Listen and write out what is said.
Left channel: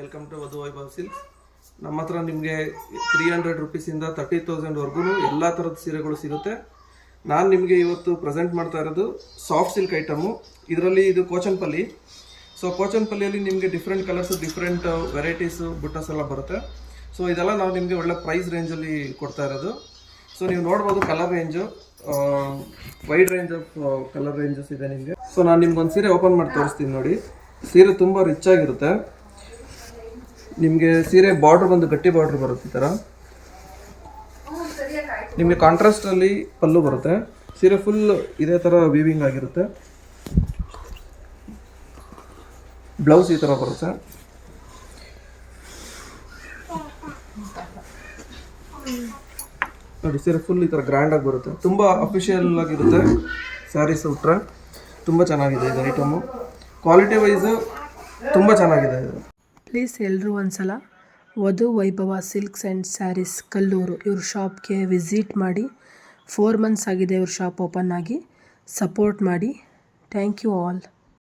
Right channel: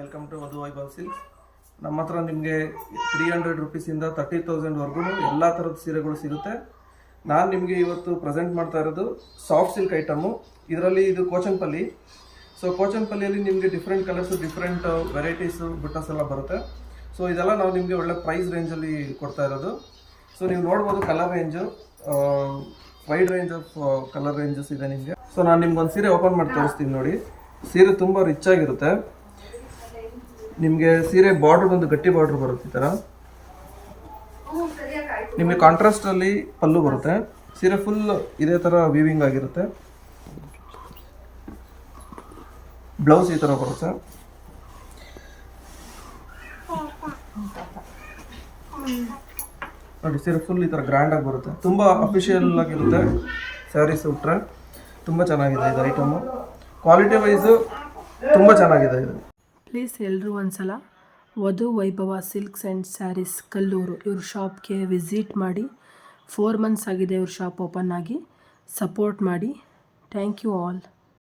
Welcome to ವಧು Vaibhav silks. ನಮ್ಮ ಹತ್ರ ನಿಮಗೆ 300 ರುಪೀಸಿಂದ 30,000ವರೆಗೂ ಎಲ್ಲ ಥರದ ಸೀರೆಗಳು ಸಿಗುತ್ತೆ. ನಾನು ನಿಮಗೆ ಇವತ್ತು ಪ್ರೆಸೆಂಟ್ ಮಾಡ್ತಾ ಇರೋದು ಸಾಫ್ಟ್ ಸಿಲ್ಕ್ ಐಟಮು. ಇದರಲ್ಲಿ ಇದು ಕೋಚನ್ಪಲ್ಲಿ. ಸೊ ಕೋಚನ್ಪಲ್ಲಿಯಲ್ಲಿ ನಿಮಗೆ ಡಿಫ್ರೆಂಟ್ ಕಲರ್ಸು, ಡಿಫ್ರೆಂಟ್ ವೆರೈಟೀಸು, ಬುಟ್ಟಾಸ್ ಎಲ್ಲ ಬರುತ್ತೆ. ಸೊ ಇದೆಲ್ಲ ನಾವು ನಿಮಗೆ ಒಳ್ಳೆ ಪ್ರೈಸ್ ರೇಂಜಲ್ಲಿ ಕೊಡ್ತಾ ಇರೋದು. ಸೊ ನೀವು ನೋಡ್ಬೋದು colour range, wide range of colour ranges ಇದೆ ನಿಮಗೆ. ಸೊ ನಾನು ನಿಮ್ಗೊಂದು ಸೀರೆ ಓಪನ್ ಮಾಡಿ ತೋರಿಸ್ತೀನಿ ನೋಡಿ. ಸೀರೆ ತುಂಬ ರಿಚ್ ಆಗಿರುತ್ತೆ. ನಿಮಗೆ ಸೀರೆ ಬಾರ್ಡ್ರ್ ಬಂದು ಗಟ್ಟಿ ಬಾರ್ಡ್ರ್ ಬರುತ್ತೆ. ಈ ಥರ ನಿಮಗೆ ಕಾಂಟ್ರಾಸ್ಟಲ್ಲಿ ಪಲ್ಲು ಬರುತ್ತೆ. ಸೀರೆ ಫುಲ್ ಇದೇ ಥರ ವೀವಿಂಗ್ ಆಗಿರುತ್ತೆ. ಬ್ಲೌಸ್ ಈ ಥರ ಬರುತ್ತೆ. ನೋಡಿ ಸೀರೆ ಫುಲ್ ಈ ಥರ ಗ್ರ್ಯಾಂಡಾಗಿ ಬರುತ್ತೆ. ತುಂಬ ಅಫಿಷಿಯಲ್ ಆಗಿರುತ್ತೆ. ಸ್ಯಾರೀಸ್ ಉಟ್ರೆ ತುಂಬ ಚೆನ್ನಾಗಿದೆ ಇದು ಐಟಮು. ಕ್ವಾಲಿಟಿ ವೈಸು ತುಂಬ ಚೆನ್ನಾಗಿದೆ ಇದು. ಪ್ಲೀಸ್ ಎಲ್ಲರೂ ಒಂದ್ಸಲ ವಧು ವೈಭವ ಸಿಲ್ಕ್ಸ್ ಆ್ಯಂಡ್ ಸ್ಯಾರೀಸ್ ಕಲ್ಲೂರು ಇವ್ರ ಶಾಪ್ಗೆ ವಿಸಿಟ್ ಮಾಡಿ. 4 ಮಂತ್ಸ್ ಆಗಿದೆ ಇವ್ರ ಶಾಪ್ ಓಪನ್ ಆಗಿ. ಸಪೋರ್ಟ್ ಮಾಡಿ. Thank you all.